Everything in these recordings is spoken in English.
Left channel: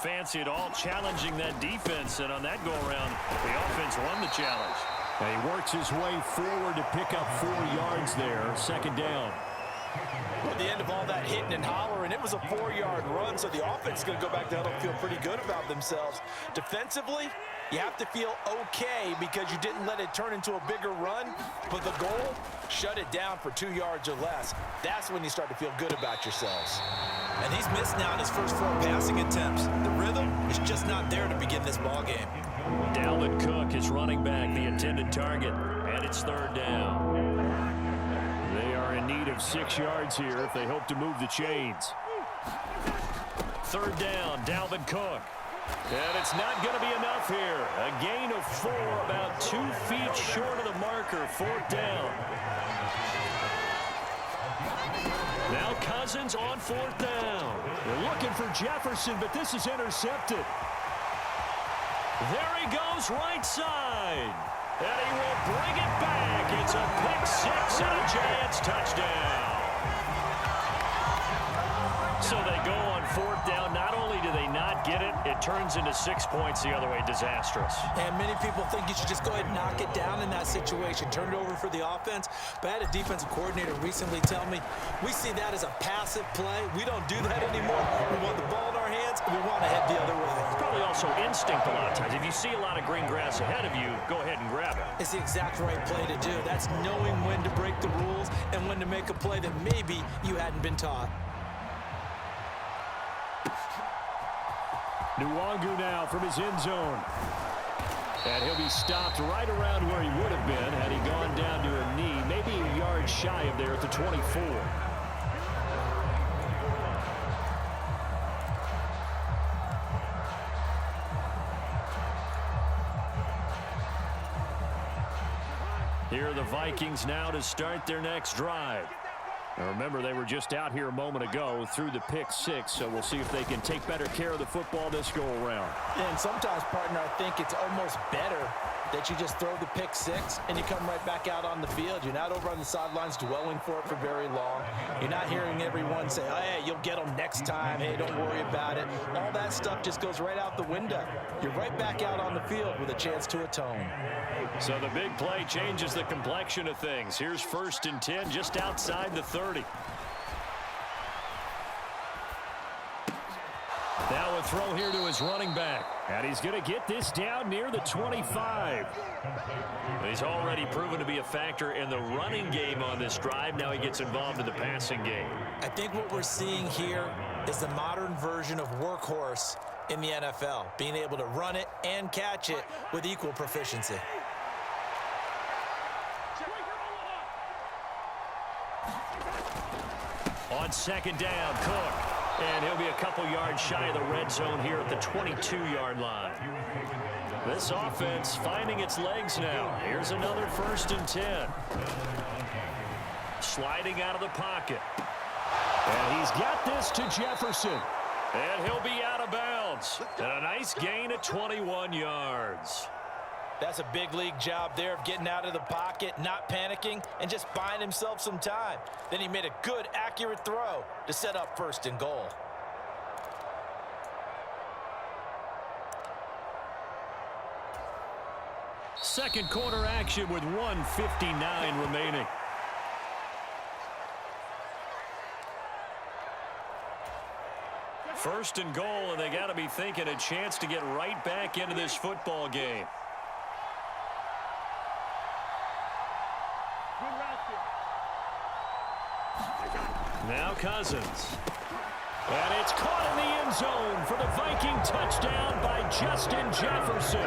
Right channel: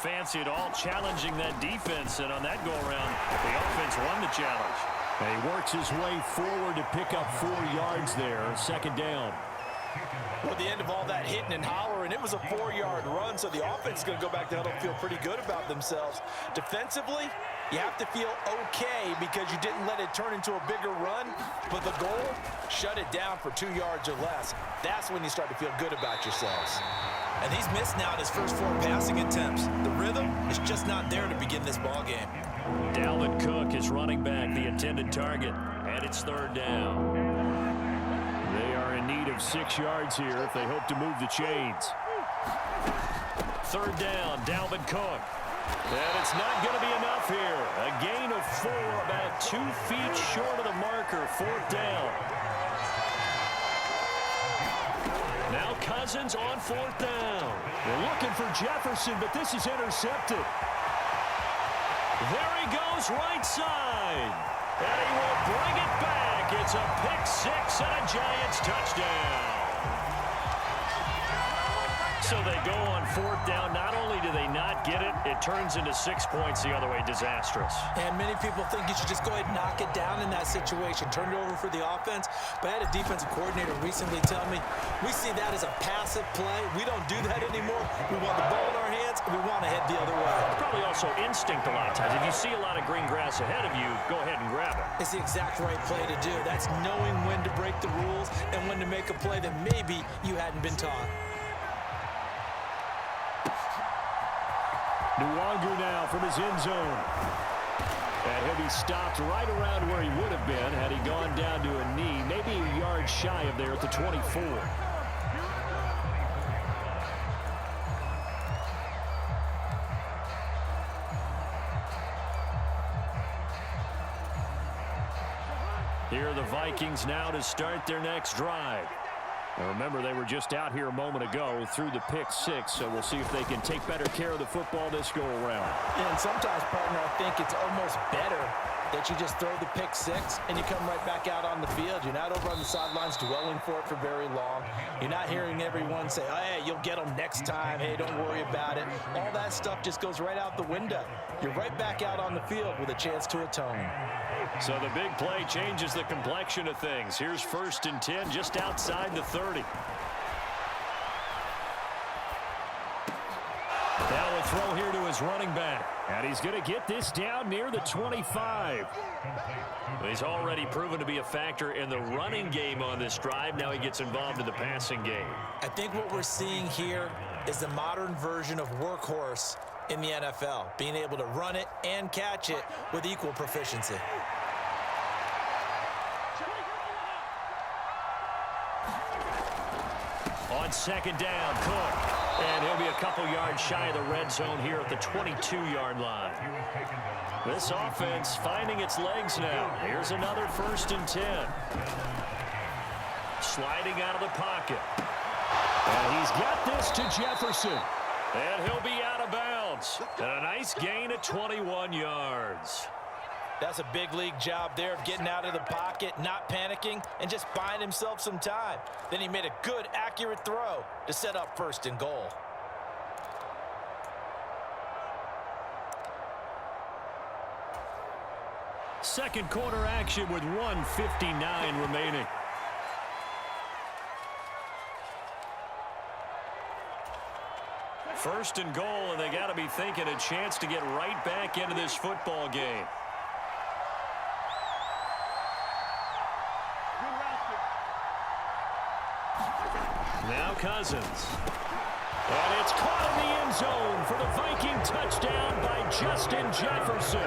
fancy at all challenging that defense, and on that go-around, the offense won the challenge. And he works his way forward to pick up 4 yards there. Second down. Well, at the end of all that hitting and hollering, it was a 4-yard run, so the offense is going to go back to huddle and feel pretty good about themselves. Defensively, you have to feel okay because you didn't let it turn into a bigger run, but the goal, shut it down for 2 yards or less. That's when you start to feel good about yourselves. And he's missed now in his first 4 passing attempts. The rhythm is just not there to begin this ball game. Dalvin Cook is running back, the intended target, and it's 3rd down. They are in need of 6 yards here if they hope to move the chains. 3rd down, Dalvin Cook. And it's not going to be enough here. A gain of 4, about 2 feet short of the marker. 4th down. Now Cousins on 4th down. They're looking for Jefferson, but this is intercepted. There he goes, right side. And he will bring it back. It's a pick 6 and a Giants touchdown. So they go on 4th down. Not only do they not get it, it turns into 6 points the other way. Disastrous. And many people think you should just go ahead and knock it down in that situation. Turn it over for the offense. But I had a defensive coordinator recently tell me, we see that as a passive play. We don't do that anymore. We want the ball in our hands, and we want to head the other way. It's probably also instinct a lot of times. If you see a lot of green grass ahead of you, go ahead and grab it. It's the exact right play to do. That's knowing when to break the rules and when to make a play that maybe you hadn't been taught. Nwangu now from his end zone. And he'll be stopped right around where he would have been had he gone down to a knee, maybe a yard shy of there at the 24. Here are the Vikings now to start their next drive. Now remember, they were just out here a moment ago through the pick 6, so we'll see if they can take better care of the football this go-around. And sometimes, partner, I think it's almost better that you just throw the pick 6 and you come right back out on the field. You're not over on the sidelines dwelling for it for very long. You're not hearing everyone say, oh, hey, you'll get them next time. Hey, don't worry about it. All that stuff just goes right out the window. You're right back out on the field with a chance to atone. So the big play changes the complexion of things. Here's 1st and 10 just outside the 30. Now a throw here to his running back. And he's going to get this down near the 25. He's already proven to be a factor in the running game on this drive. Now he gets involved in the passing game. I think what we're seeing here is the modern version of workhorse in the NFL, being able to run it and catch it with equal proficiency. On 2nd down, Cook. And he'll be a couple yards shy of the red zone here at the 22-yard line. This offense finding its legs now. Here's another 1st and 10. Sliding out of the pocket. And he's got this to Jefferson. And he'll be out of bounds. And a nice gain of 21 yards. That's a big league job there of getting out of the pocket, not panicking, and just buying himself some time. Then he made a good, accurate throw to set up 1st and goal. Second quarter action with 1:59 remaining. First and goal, and they got to be thinking a chance to get right back into this football game. Now Cousins. And it's caught in the end zone for the Viking touchdown by Justin Jefferson.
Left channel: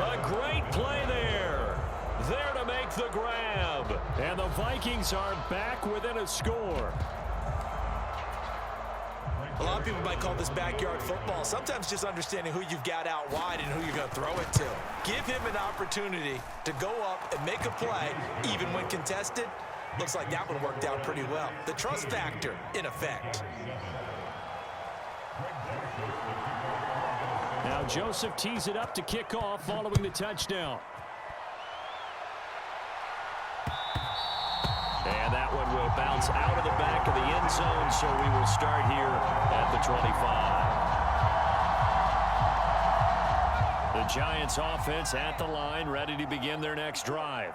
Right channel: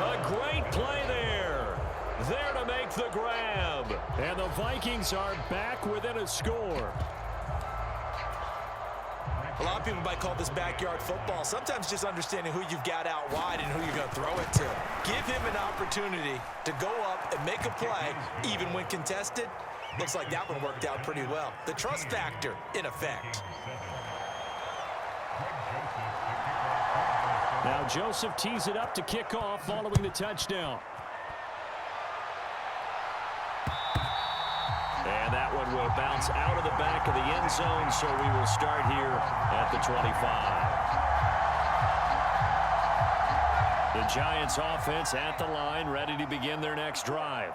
A great play there. There to make the grab. And the Vikings are back within a score. A lot of people might call this backyard football. Sometimes just understanding who you've got out wide and who you're going to throw it to. Give him an opportunity to go up and make a play, even when contested. Looks like that one worked out pretty well. The trust factor in effect. Now Joseph tees it up to kick off following the touchdown. And that one will bounce out of the back of the end zone, so we will start here at the 25. The Giants offense at the line, ready to begin their next drive.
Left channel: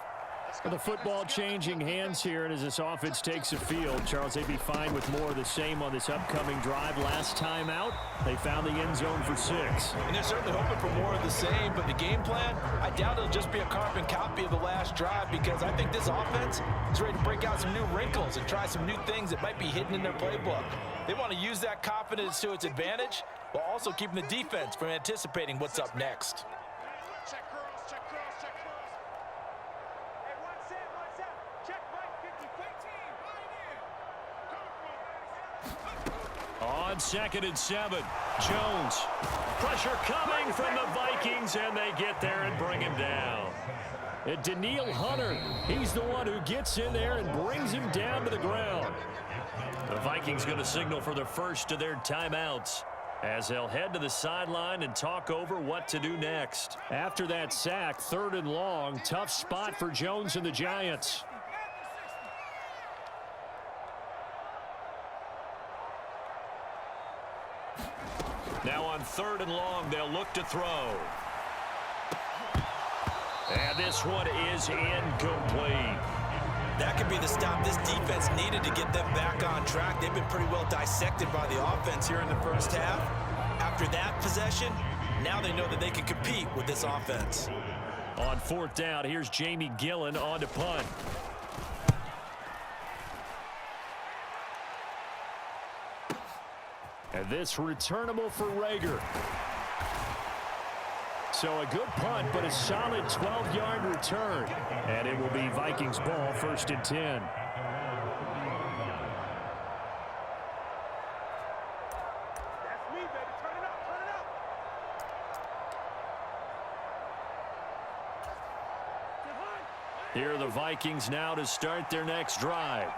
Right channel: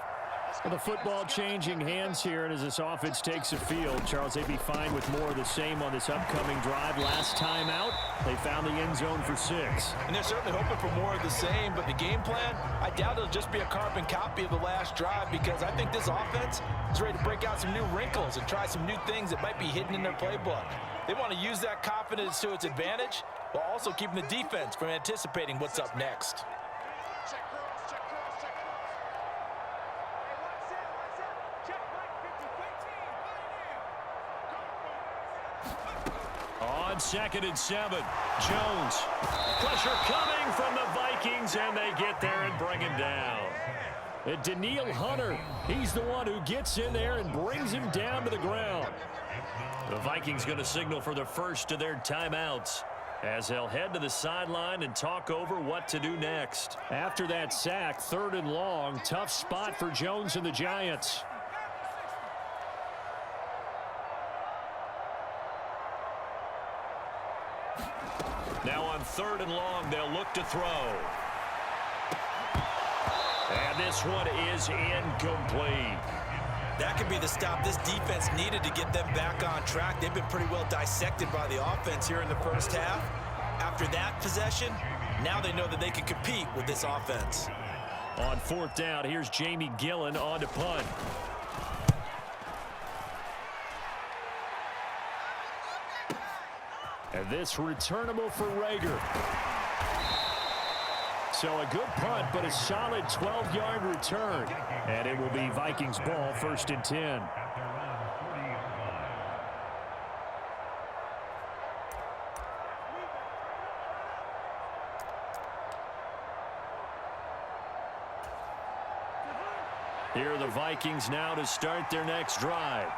The football changing hands here, and as this offense takes the field, Charles, they'd be fine with more of the same on this upcoming drive. Last time out, they found the end zone for 6. And they're certainly hoping for more of the same, but the game plan, I doubt it'll just be a carbon copy of the last drive, because I think this offense is ready to break out some new wrinkles and try some new things that might be hidden in their playbook. They want to use that confidence to its advantage while also keeping the defense from anticipating what's up next. On 2nd and 7, Jones. Pressure coming from the Vikings, and they get there and bring him down. And Daniil Hunter, he's the one who gets in there and brings him down to the ground. The Vikings going to signal for the first of their timeouts as they'll head to the sideline and talk over what to do next. After that sack, 3rd and long, tough spot for Jones and the Giants. Now on 3rd and long, they'll look to throw. And this one is incomplete. That could be the stop this defense needed to get them back on track. They've been pretty well dissected by the offense here in the first half. After that possession, now they know that they can compete with this offense. On 4th down, here's Jamie Gillen on to punt. And this returnable for Rager. So a good punt, but a solid 12-yard return. And it will be Vikings ball, 1st and 10. Here are the Vikings now to start their next drive.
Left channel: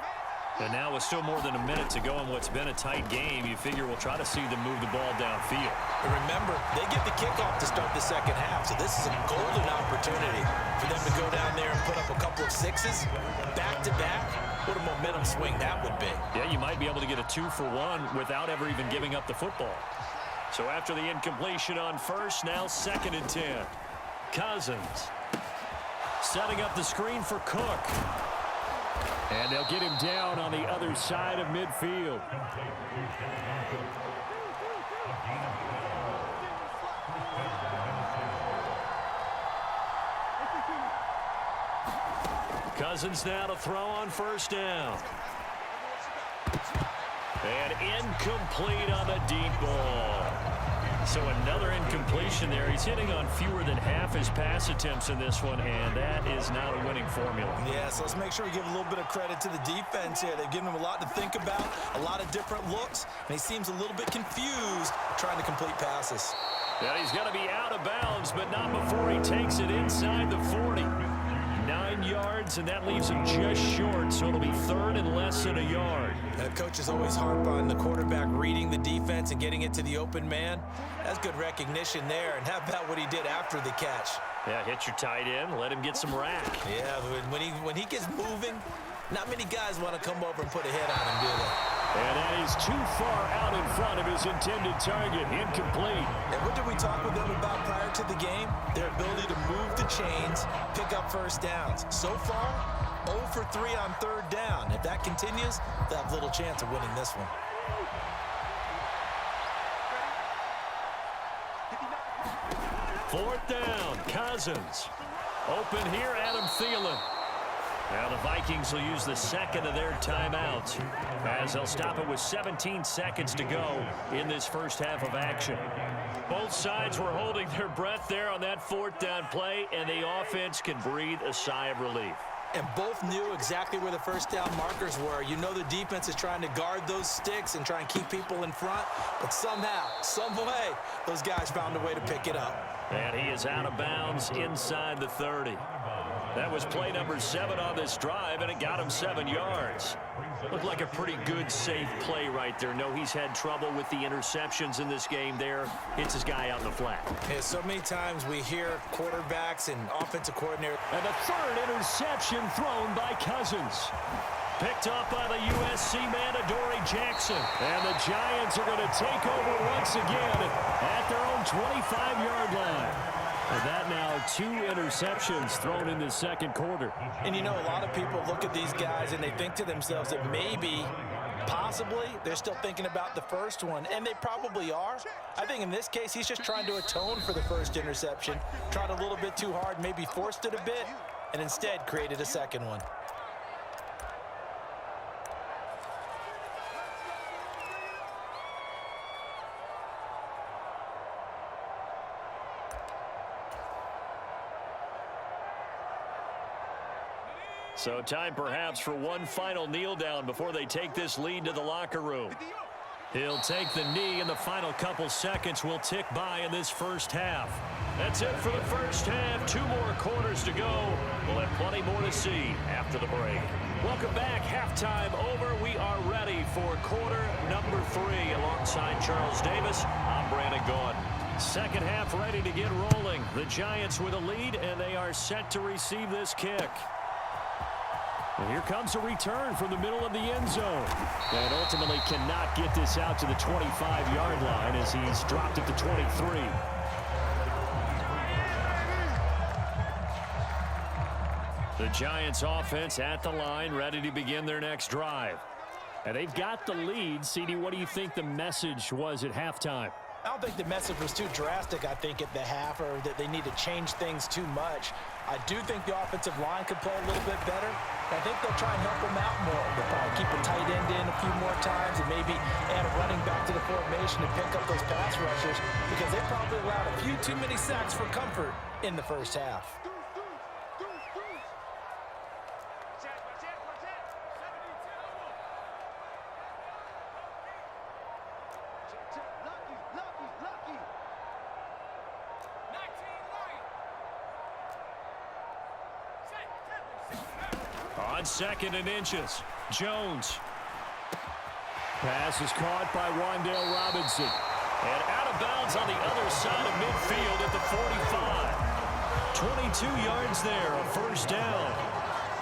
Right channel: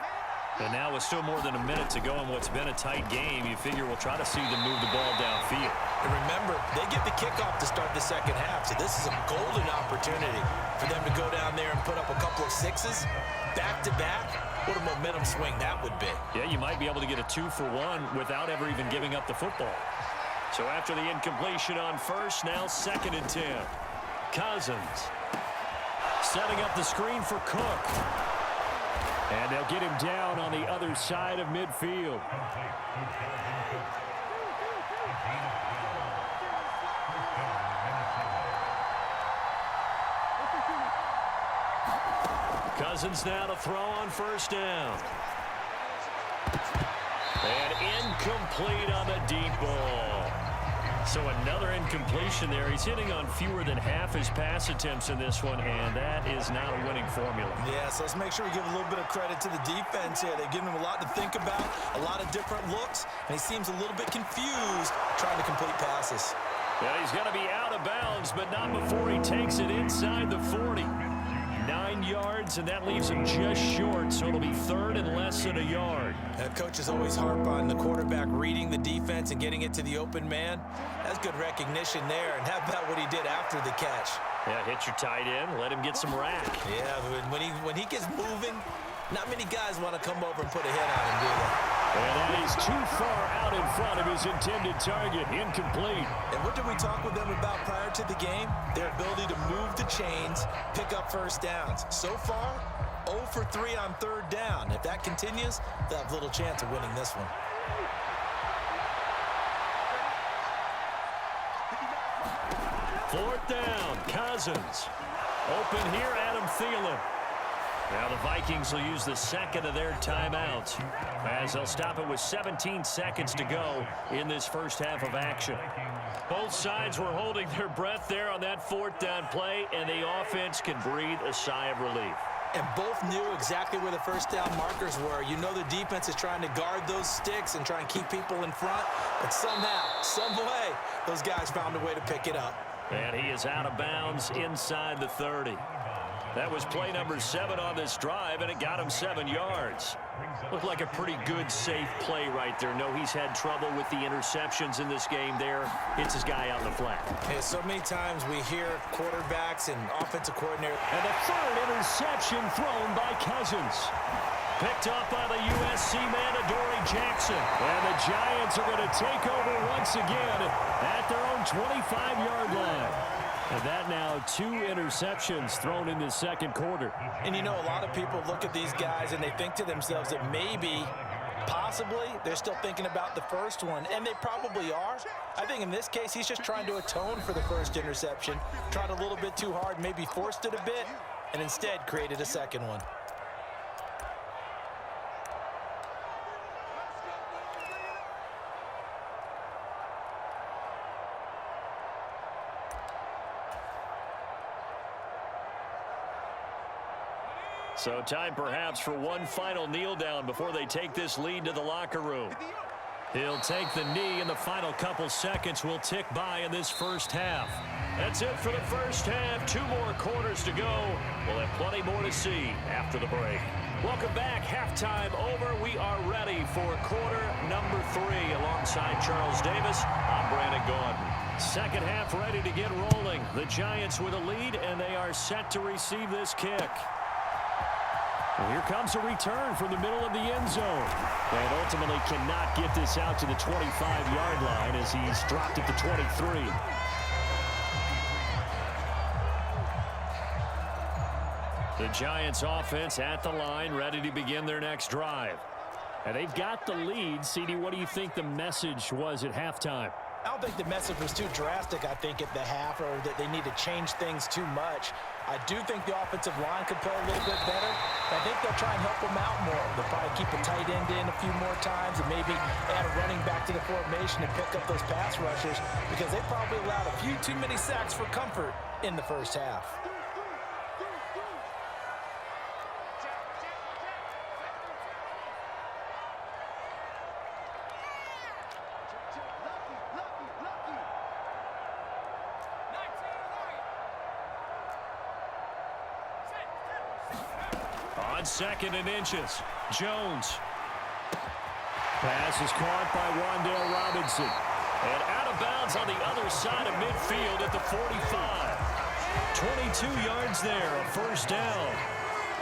And now with still more than a minute to go in what's been a tight game, you figure we'll try to see them move the ball downfield. And remember, they get the kickoff to start the second half, so this is a golden opportunity for them to go down there and put up a couple of 6s back-to-back. What a momentum swing that would be. Yeah, you might be able to get a 2-for-1 without ever even giving up the football. So after the incompletion on 1st, now 2nd and 10. Cousins setting up the screen for Cook. And they'll get him down on the other side of midfield. Cousins now to throw on 1st down. And incomplete on the deep ball. So another incompletion there. He's hitting on fewer than half his pass attempts in this one, and that is not a winning formula. Yeah, so let's make sure we give a little bit of credit to the defense here. They've given him a lot to think about, a lot of different looks, and he seems a little bit confused trying to complete passes. Yeah, he's going to be out of bounds, but not before he takes it inside the 40. 9 yards, and that leaves him just short, so it'll be 3rd and less than a yard. Coaches always harp on the quarterback reading the defense and getting it to the open man. That's good recognition there, and how about what he did after the catch? Yeah, hit your tight end, let him get some rack. Yeah, when he gets moving, not many guys want to come over and put a hit on him, do they? And that is too far out in front of his intended target. Incomplete. And what did we talk with them about prior to the game? Their ability to move the chains, pick up 1st downs. So far, 0 for 3 on 3rd down. If that continues, they'll have little chance of winning this one. Fourth down, Cousins. Open here, Adam Thielen. Now the Vikings will use the 2nd of their timeouts as they'll stop it with 17 seconds to go in this first half of action. Both sides were holding their breath there on that 4th down play, and the offense can breathe a sigh of relief. And both knew exactly where the 1st down markers were. You know the defense is trying to guard those sticks and try and keep people in front, but somehow, some way, those guys found a way to pick it up. And he is out of bounds inside the 30. That was play number 7 on this drive, and it got him 7 yards. Looked like a pretty good, safe play right there. No, he's had trouble with the interceptions in this game there. Hits his guy out in the flat. Yeah, so many times we hear quarterbacks and offensive coordinators. And the 3rd interception thrown by Cousins. Picked off by the USC man, Adoree Jackson. And the Giants are going to take over once again at their own 25-yard line. And that now 2 interceptions thrown in the second quarter. And you know, a lot of people look at these guys and they think to themselves that maybe, possibly, they're still thinking about the first one. And they probably are. I think in this case, he's just trying to atone for the first interception. Tried a little bit too hard, maybe forced it a bit, and instead created a second one. So time perhaps for one final kneel down before they take this lead to the locker room. He'll take the knee, and the final couple seconds will tick by in this first half. That's it for the first half. 2 more quarters to go. We'll have plenty more to see after the break. Welcome back. Halftime over. We are ready for quarter number 3. Alongside Charles Davis, I'm Brandon Gordon. Second half ready to get rolling. The Giants with a lead, and they are set to receive this kick. And here comes a return from the middle of the end zone. And ultimately cannot get this out to the 25-yard line as he's dropped at the 23. The Giants offense at the line, ready to begin their next drive. And they've got the lead. CD, what do you think the message was at halftime? I don't think the message was too drastic, I think, at the half, or that they need to change things too much. I do think the offensive line could play a little bit better. I think they'll try and help them out more. They'll probably keep a tight end in a few more times and maybe add a running back to the formation and pick up those pass rushers, because they probably allowed a few too many sacks for comfort in the first half. On 2nd and inches, Jones. Pass is caught by Wan'Dale Robinson. And out of bounds on the other side of midfield at the 45. 22 yards there, a first down.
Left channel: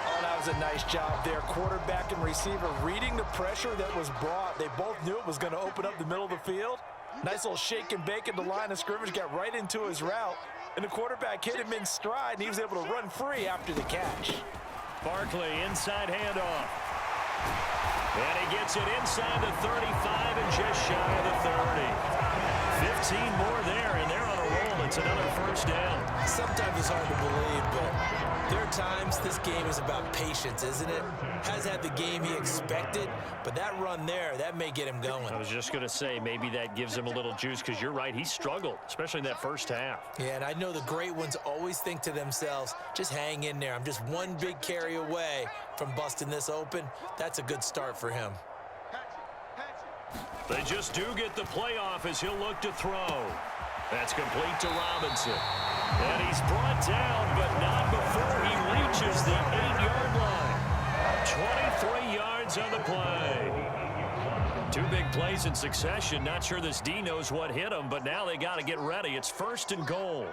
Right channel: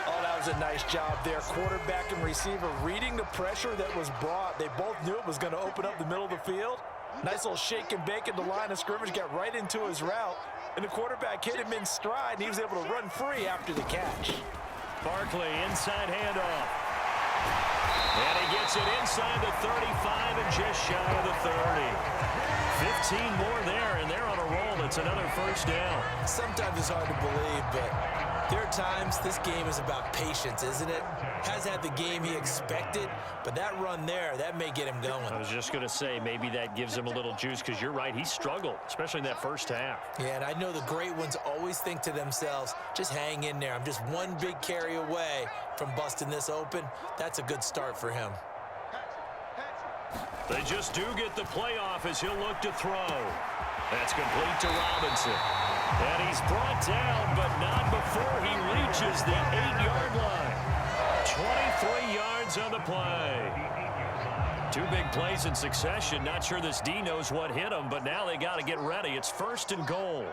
Oh, that was a nice job there. Quarterback and receiver reading the pressure that was brought. They both knew it was going to open up the middle of the field. Nice little shake and bake at the line of scrimmage, got right into his route. And the quarterback hit him in stride, and he was able to run free after the catch. Barkley, inside handoff. And he gets it inside the 35 and just shy of the 30. 15 more there, and they're on a roll. It's another first down. Sometimes it's hard to believe, but there are times this game is about patience, isn't it? Has had the game he expected, but that run there, that may get him going. I was just going to say, maybe that gives him a little juice, because you're right, he struggled, especially in that first half. Yeah, and I know the great ones always think to themselves, just hang in there. I'm just one big carry away from busting this open. That's a good start for him. They just do get the playoff as he'll look to throw. That's complete to Robinson. And he's brought down, but not before he reaches the 8-yard line. 23 yards on the play. 2 big plays in succession. Not sure this D knows what hit him, but now they got to get ready. It's 1st and goal.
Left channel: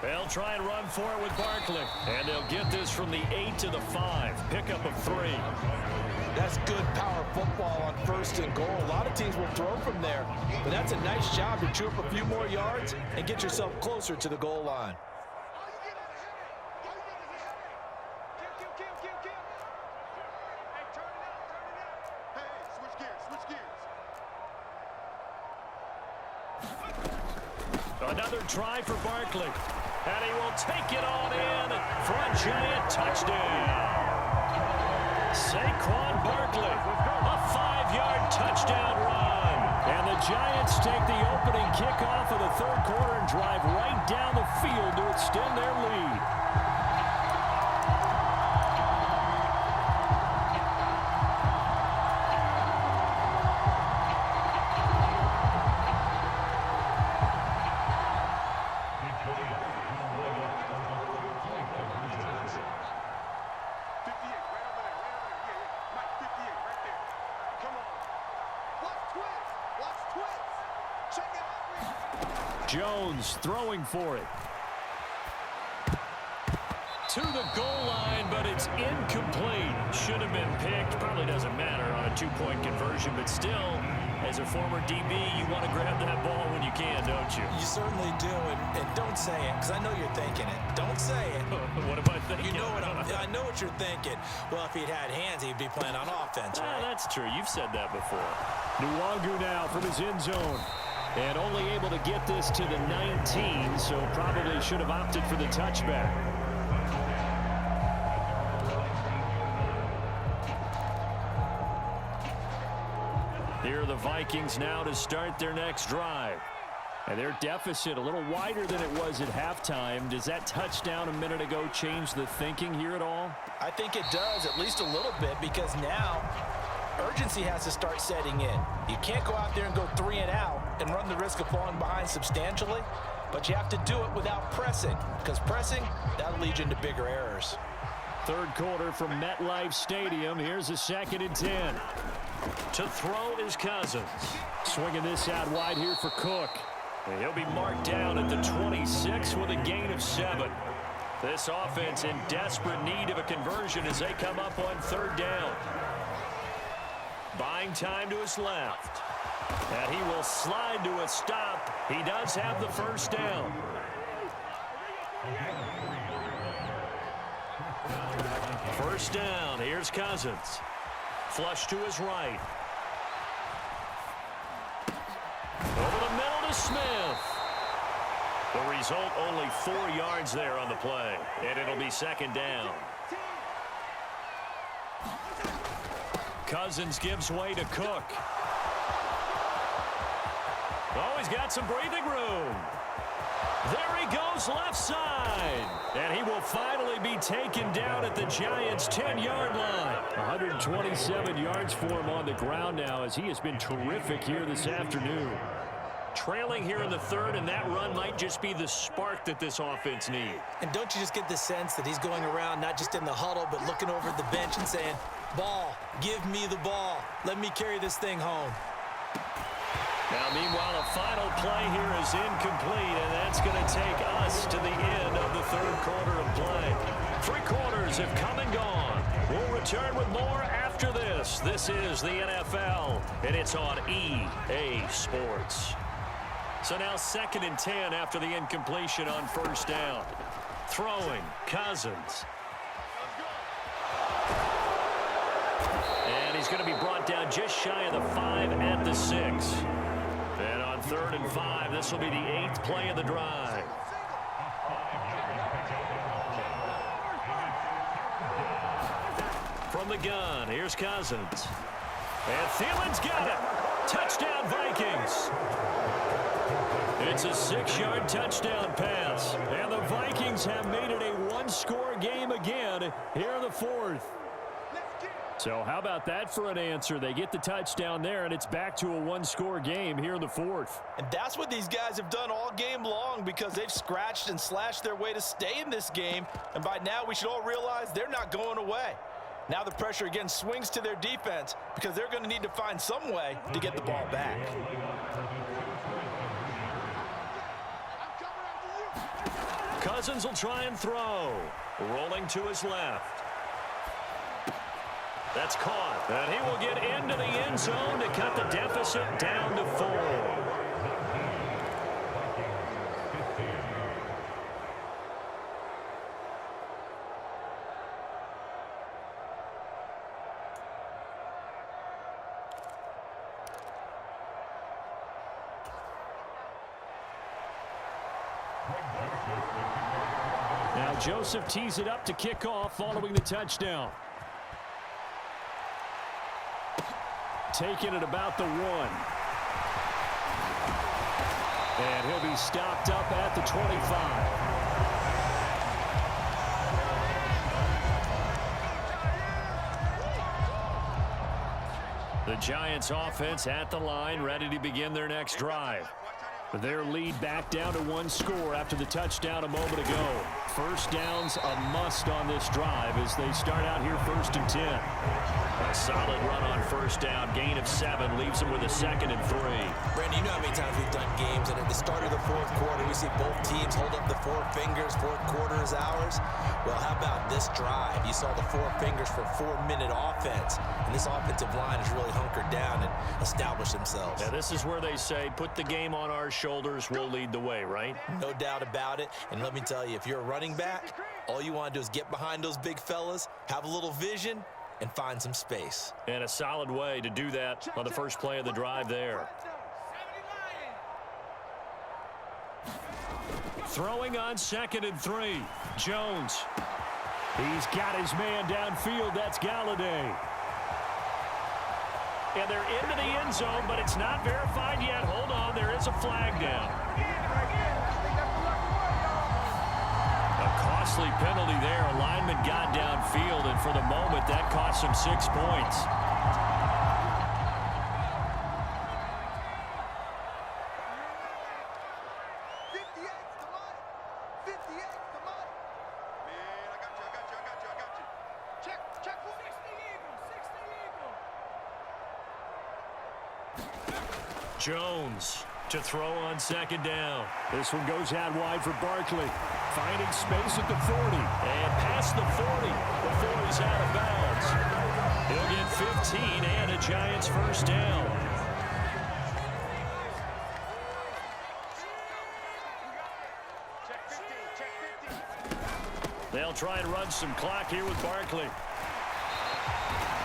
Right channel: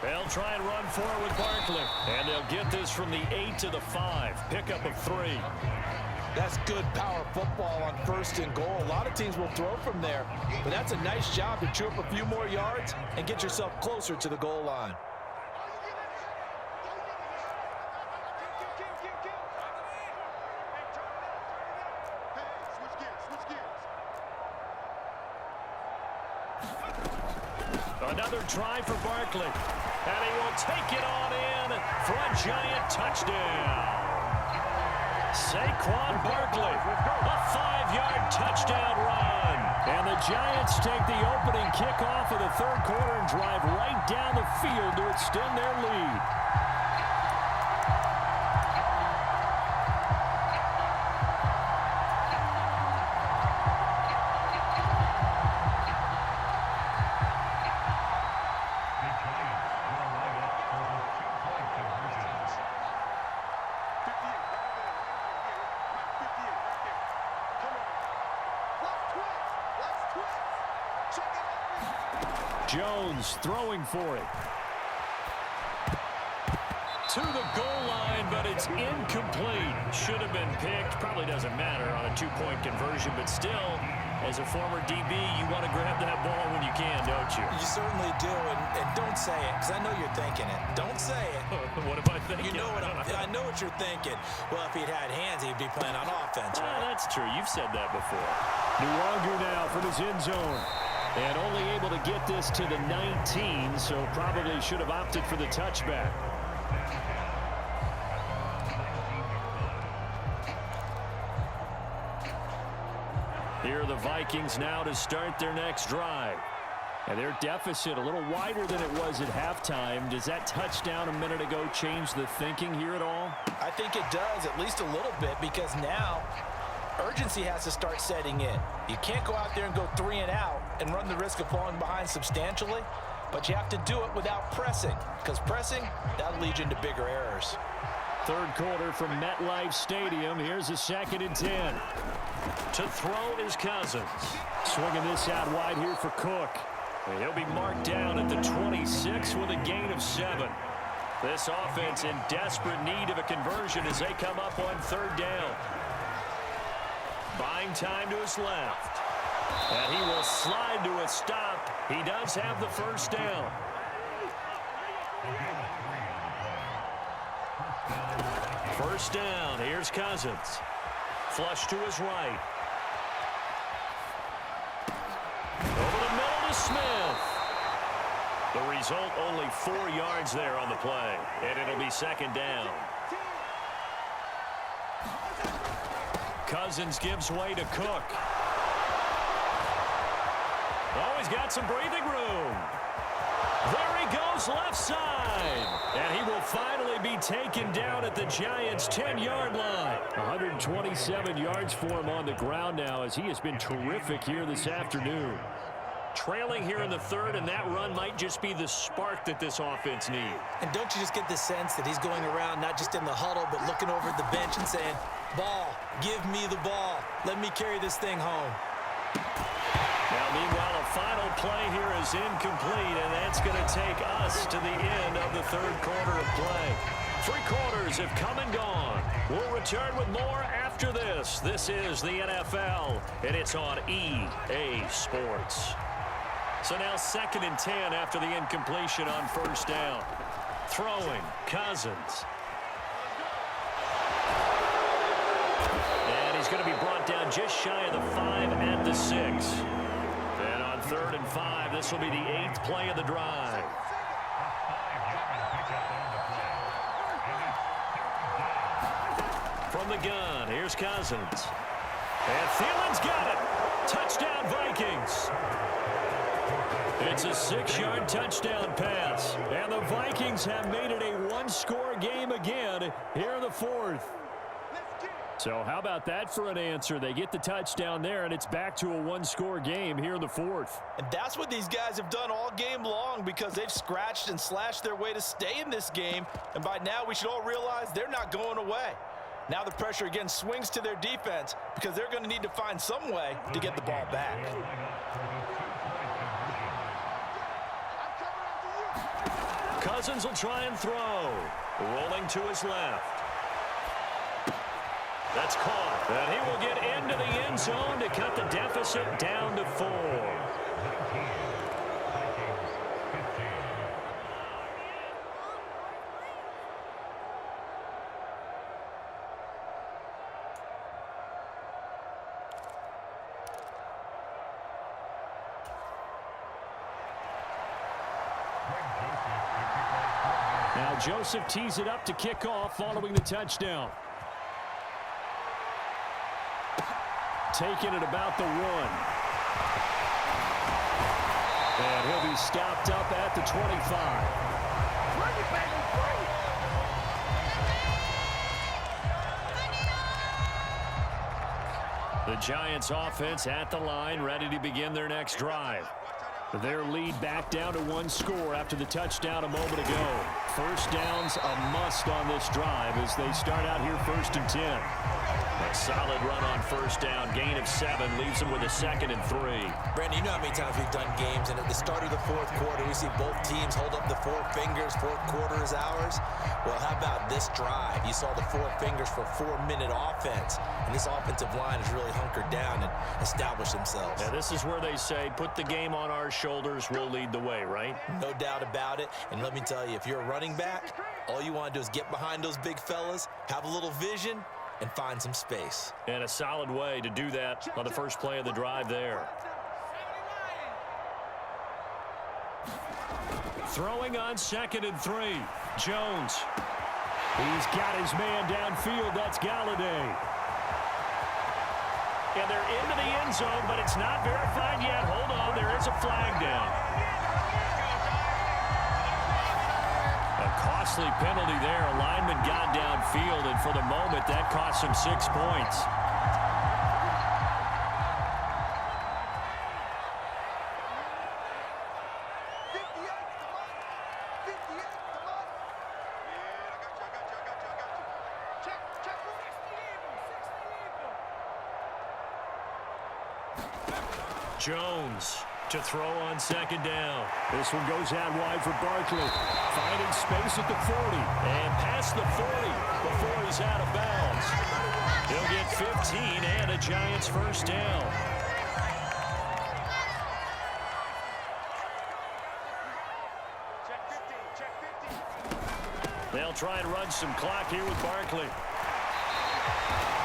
They'll try and run for it with Barkley. And they'll get this from the 8 to the 5. Pickup of 3. That's good power football on 1st and goal. A lot of teams will throw from there, but that's a nice job to chew up a few more yards and get yourself closer to the goal line. Another try for Barkley. And he will take it on in for a giant touchdown. Saquon Barkley, a 5-yard touchdown run. And the Giants take the opening kickoff of the 3rd quarter and drive right down the field to extend their lead. Jones throwing for it. to the goal line, but it's incomplete. Should have been picked. Probably doesn't matter on a two-point conversion, but still, as a former DB, you want to grab that ball when you can, don't you? You certainly do, and don't say it, because I know you're thinking it. Don't say it. What am I thinking? You know what I know what you're thinking. Well, if he'd had hands, he'd be playing on offense, right? That's true. You've said that before. Nwangu now from his end zone. And only able to get this to the 19, so probably should have opted for the touchback. Here are the Vikings now to start their next drive. And their deficit a little wider than it was at halftime. Does that touchdown a minute ago change the thinking here at all? I think it does, at least a little bit, because now urgency has to start setting in. You can't go out there and go 3 and out and run the risk of falling behind substantially, but you have to do it without pressing, because pressing, that'll lead you into bigger errors. Third quarter from MetLife Stadium. Here's a 2nd and 10. To throw is Cousins. Swinging this out wide here for Cook. And he'll be marked down at the 26 with a gain of 7. This offense in desperate need of a conversion as they come up on 3rd down. Buying time to his left. And he will slide to a stop. He does have the 1st down. First down. Here's Cousins. Flush to his right. Over the middle to Smith. The result, only 4 yards there on the play. And it'll be 2nd down. Cousins gives way to Cook. Oh, he's got some breathing room. There he goes left side. And he will finally be taken down at the Giants' 10-yard line. 127 yards for him on the ground now as he has been terrific here this afternoon. Trailing here in the 3rd, and that run might just be the spark that this offense needs. And don't you just get the sense that he's going around not just in the huddle, but looking over at the bench and saying, ball, give me the ball. Let me carry this thing home. Now, meanwhile, a final play here is incomplete, and that's going to take us to the end of the 3rd quarter of play. 3 quarters have come and gone. We'll return with more after this. This is the NFL, and it's on EA Sports. So now 2nd and 10 after the incompletion on 1st down. Throwing, Cousins. And he's going to be brought down just shy of the 5 at the 6. And on 3rd and 5, this will be the 8th play of the drive. From the gun, here's Cousins. And Thielen's got it. Touchdown, Vikings. It's a 6-yard touchdown pass. And the Vikings have made it a one-score game again here in the 4th. So how about that for an answer? They get the touchdown there, and it's back to a one-score game here in the 4th. And that's what these guys have done all game long, because they've scratched and slashed their way to stay in this game. And by now, we should all realize they're not going away. Now the pressure again swings to their defense, because they're going to need to find some way to get the ball back. Cousins will try and throw. Rolling to his left. That's caught. And he will get into the end zone to cut the deficit down to 4. Now Joseph tees it up to kick off following the touchdown. Taken at about the 1. And he'll be stopped up at the 25. The Giants offense at the line, ready to begin their next drive. Their lead back down to one score after the touchdown a moment ago. First down's a must on this drive as they start out here 1st and 10. A solid run on first down. Gain of 7 leaves them with a 2nd and 3. Brandon, you know how many times we've done games, and at the start of the fourth quarter, we see both teams hold up the 4 fingers, fourth quarter is ours. Well, how about this drive? You saw the 4 fingers for 4-minute offense, and this offensive line has really hunkered down and established themselves. Now, this is where they say, put the game on our shoulders, we'll lead the way, right? No doubt about it, and let me tell you, if you're a running back, all you want to do is get behind those big fellas, have a little vision, and find some space. And a solid way to do that on the first play of the drive there. Throwing on 2nd and 3. Jones. He's got his man downfield. That's Galladay. And they're into the end zone, but it's not verified yet. Hold on, there is a flag down. A costly penalty there. A lineman got downfield, and for the moment, that cost him 6 points. Jones to throw on 2nd down. This one goes out wide for Barkley. Finding space at the 40. And past the 40 before he's out of bounds. He'll get 15 and a Giants first down. They'll try and run some clock here with Barkley.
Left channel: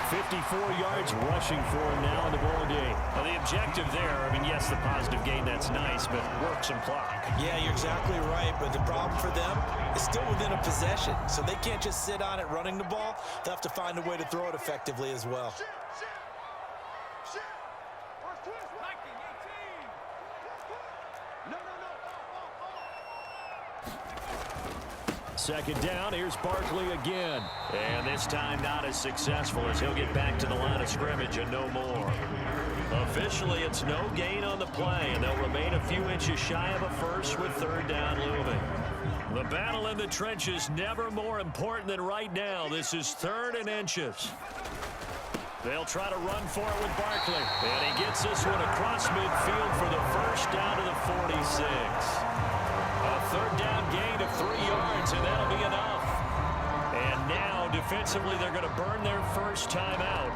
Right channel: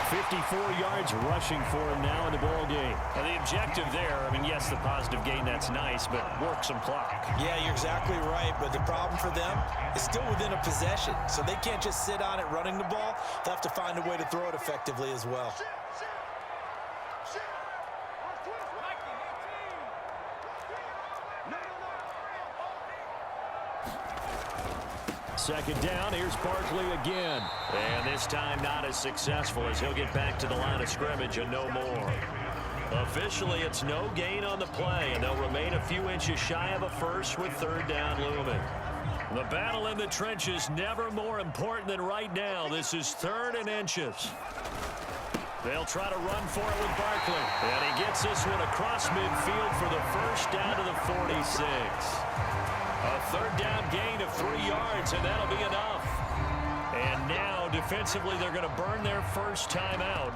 54 yards rushing for him now in the ball game. Now the objective there, I mean, yes, the positive gain, that's nice, but work some clock. Yeah, you're exactly right, but the problem for them is still within a possession, so they can't just sit on it running the ball. They'll have to find a way to throw it effectively as well. Second down, here's Barkley again. And this time not as successful as he'll get back to the line of scrimmage and no more. Officially, it's no gain on the play, and they'll remain a few inches shy of a first with 3rd down looming. The battle in the trenches never more important than right now. This is 3rd and inches. They'll try to run for it with Barkley. And he gets this one across midfield for the first down to the 46. A 3rd down gain of 3 yards, and that'll be enough. And now, defensively, they're going to burn their first time out.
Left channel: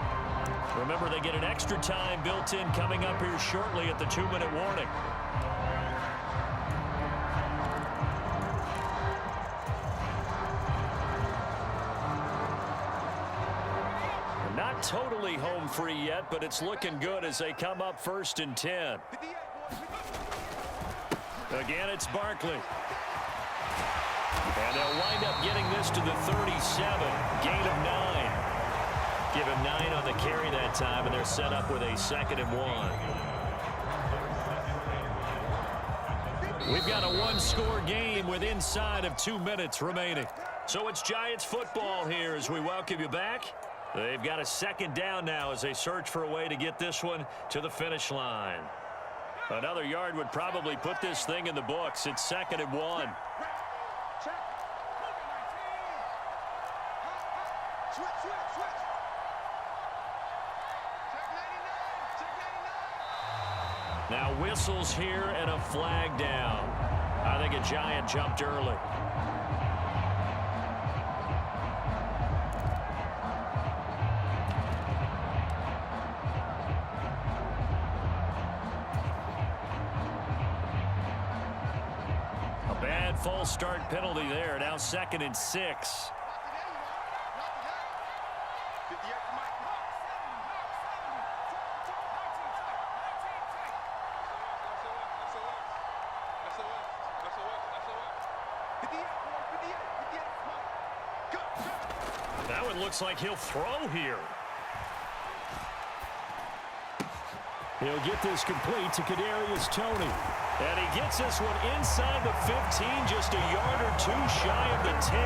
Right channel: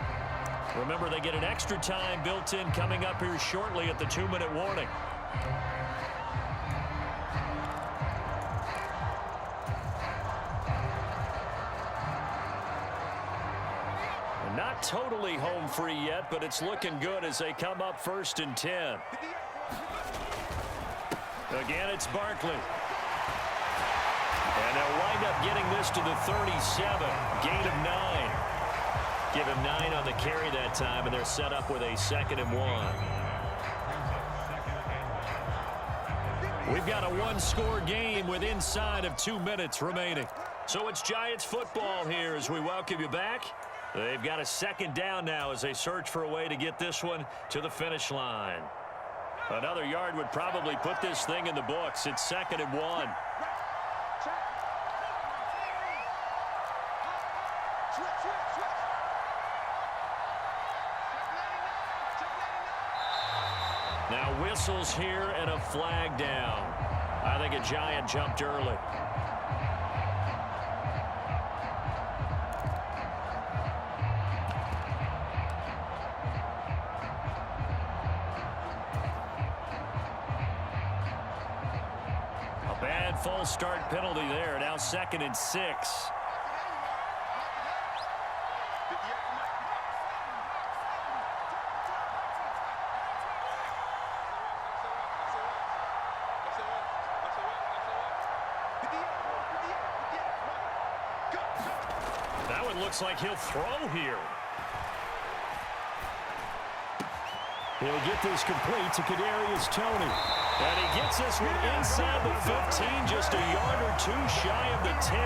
Remember, they get an extra time built in coming up here shortly at the 2-minute warning. Not totally home free yet, but it's looking good as they come up 1st and 10. Again, it's Barkley. And they'll wind up getting this to the 37. Gain of 9. Give him 9 on the carry that time, and they're set up with a 2nd and 1. We've got a 1-score game with inside of 2 minutes remaining. So it's Giants football here as we welcome you back. They've got a 2nd down now as they search for a way to get this one to the finish line. Another yard would probably put this thing in the books. It's 2nd and 1. Now whistles here and a flag down. I think a Giant jumped early. Bad false start penalty there. Now 2nd and 6. That one looks like he'll throw here. He'll get this complete to Kadarius Toney. And he gets this one inside the 15, just a yard or two shy of the 10.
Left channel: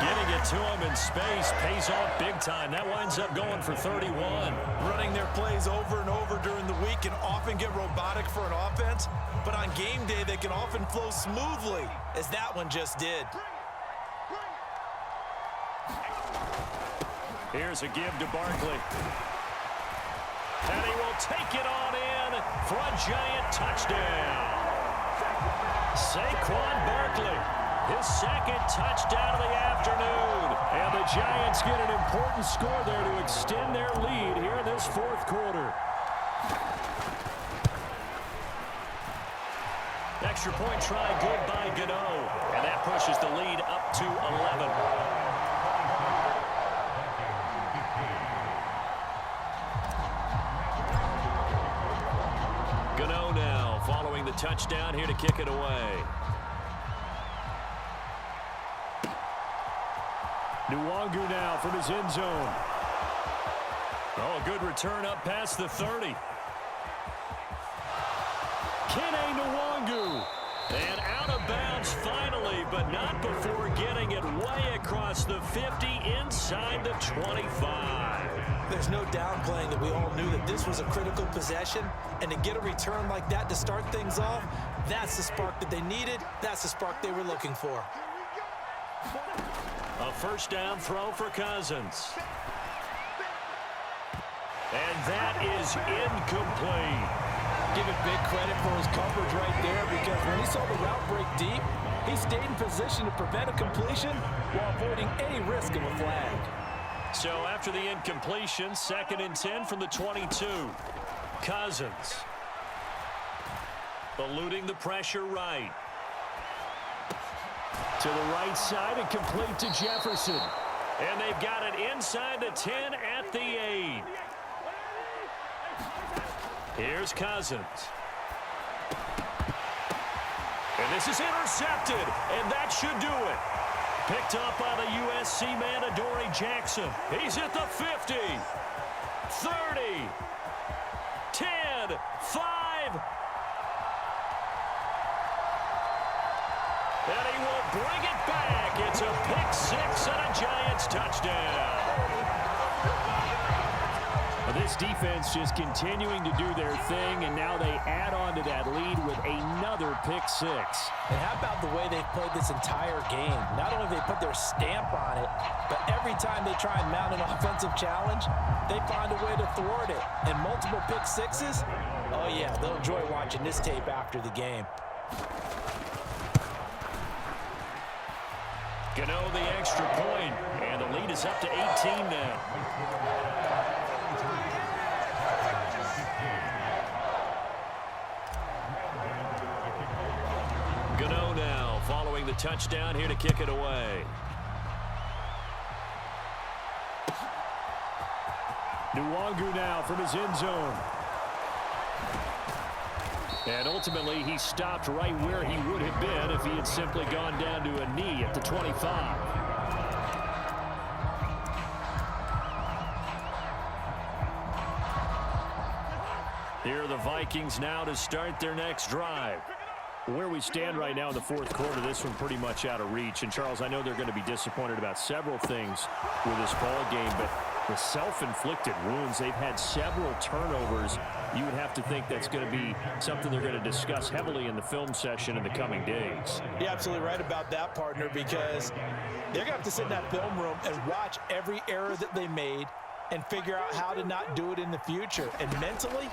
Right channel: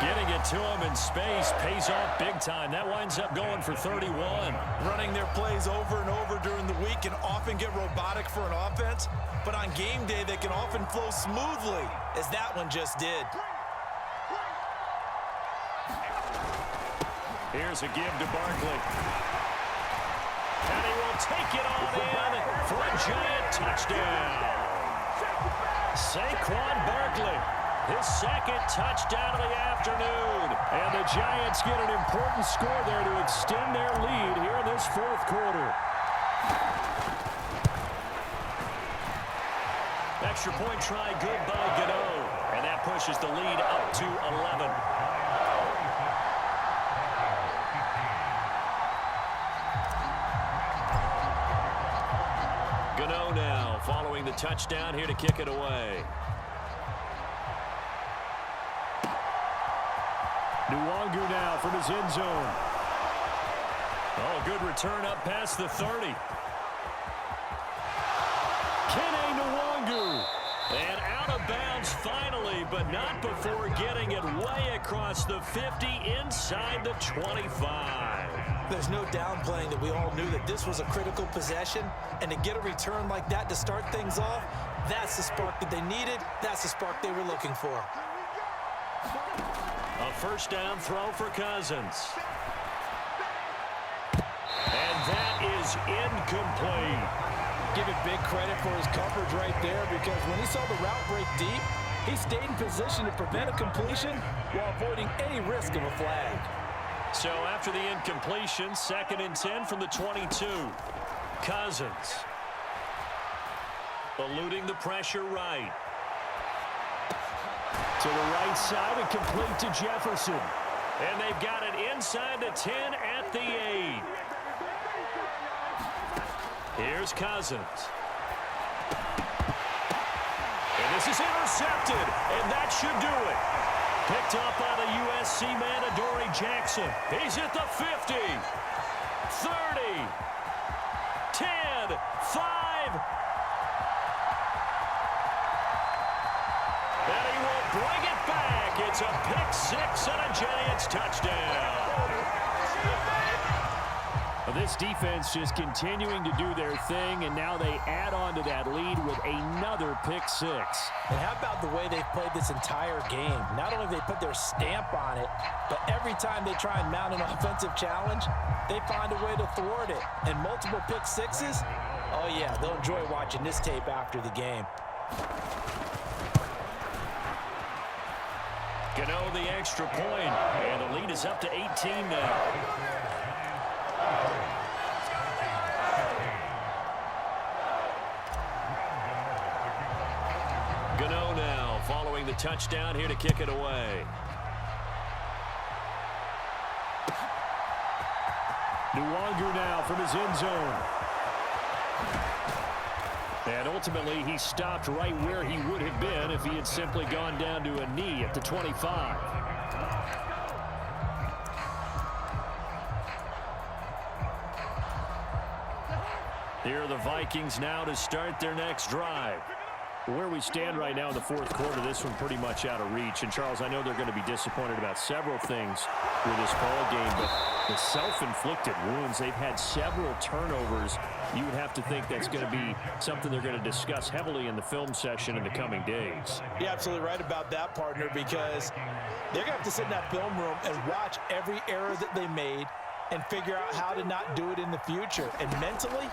Getting it to him in space pays off big time. That winds up going for 31. Running their plays over and over during the week can often get robotic for an offense, but on game day they can often flow smoothly, as that one just did. Here's a give to Barkley. And he will take it on in for a Giant touchdown. Saquon Barkley, his second touchdown of the afternoon. And the Giants get an important score there to extend their lead here in this fourth quarter. Extra point try good by Gano. And that pushes the lead up to 11. Gano now following the touchdown here to kick it away. Nwangu now from his end zone. Oh, a good return up past the 30. Kene Nwangu. And out of bounds finally, but not before getting it way across the 50 inside the 25. There's no downplaying that we all knew that this was a critical possession, and to get a return like that to start things off, that's the spark that they needed. That's the spark they were looking for. A first down throw for Cousins. And that is incomplete. Give it big credit for his coverage right there, because when he saw the route break deep, he stayed in position to prevent a completion while avoiding any risk of a flag. So after the incompletion, 2nd and 10 from the 22. Cousins eluding the pressure right. To the right side and complete to Jefferson. And they've got it inside the 10 at the 8. Here's Cousins. And this is intercepted, and that should do it. Picked up by the USC man, Adoree Jackson. He's at the 50, 30, 10, 5. And he will bring it back. It's a pick 6 and a Giants touchdown. This defense just continuing to do their thing, and now they add on to that lead with another pick 6. And how about the way they've played this entire game? Not only have they put their stamp on it, but every time they try and mount an offensive challenge, they find a way to thwart it. And multiple pick 6s, oh yeah, they'll enjoy watching this tape after the game. Gano the extra point, and the lead is up to 18 now. Gano now following the touchdown here to kick it away. Nwangu now from his end zone. And ultimately, he stopped right where he would have been if he had simply gone down to a knee at the 25. Here are the Vikings now to start their next drive. Where we stand right now in the fourth quarter, this one pretty much out of reach. And, Charles, I know they're going to be disappointed about several things with this ball game, but the self-inflicted wounds, they've had several turnovers. You would have to think that's going to be something they're going to discuss heavily in the film session in the coming days. You're absolutely right about that, partner, because they're going to have to sit in that film room and watch every error that they made and figure out how to not do it in the future. And mentally,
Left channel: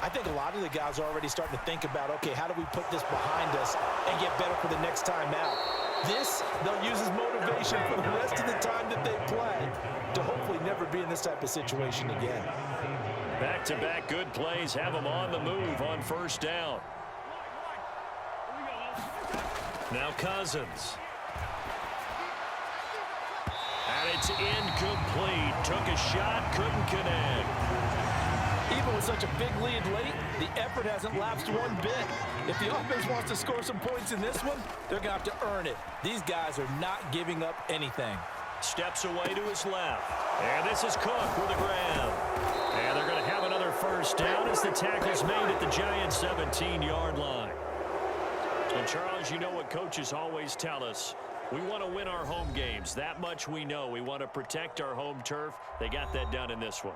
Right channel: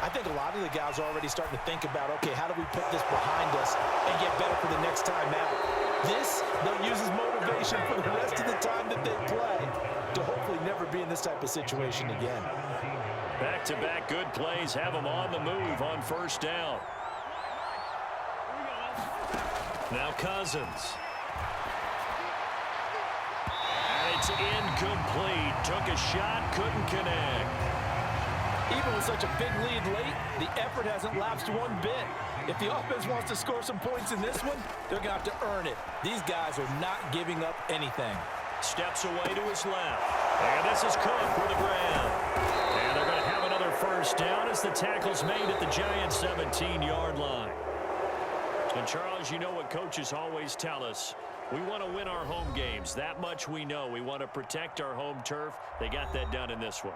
I think a lot of the guys are already starting to think about, okay, how do we put this behind us and get better for the next time out? This, they'll use as motivation for the rest of the time that they play to hopefully never be in this type of situation again. Back-to-back good plays have them on the move on first down. Now Cousins. And it's incomplete. Took a shot, couldn't connect. Even with such a big lead late, the effort hasn't lapsed one bit. If the offense wants to score some points in this one, they're going to have to earn it. These guys are not giving up anything. Steps away to his left. And this is Cook with the grab. And they're going to have another first first down as the tackle's made at the Giants' 17-yard line. And, Charles, you know what coaches always tell us. We want to win our home games. That much we know. We want to protect our home turf. They got that done in this one.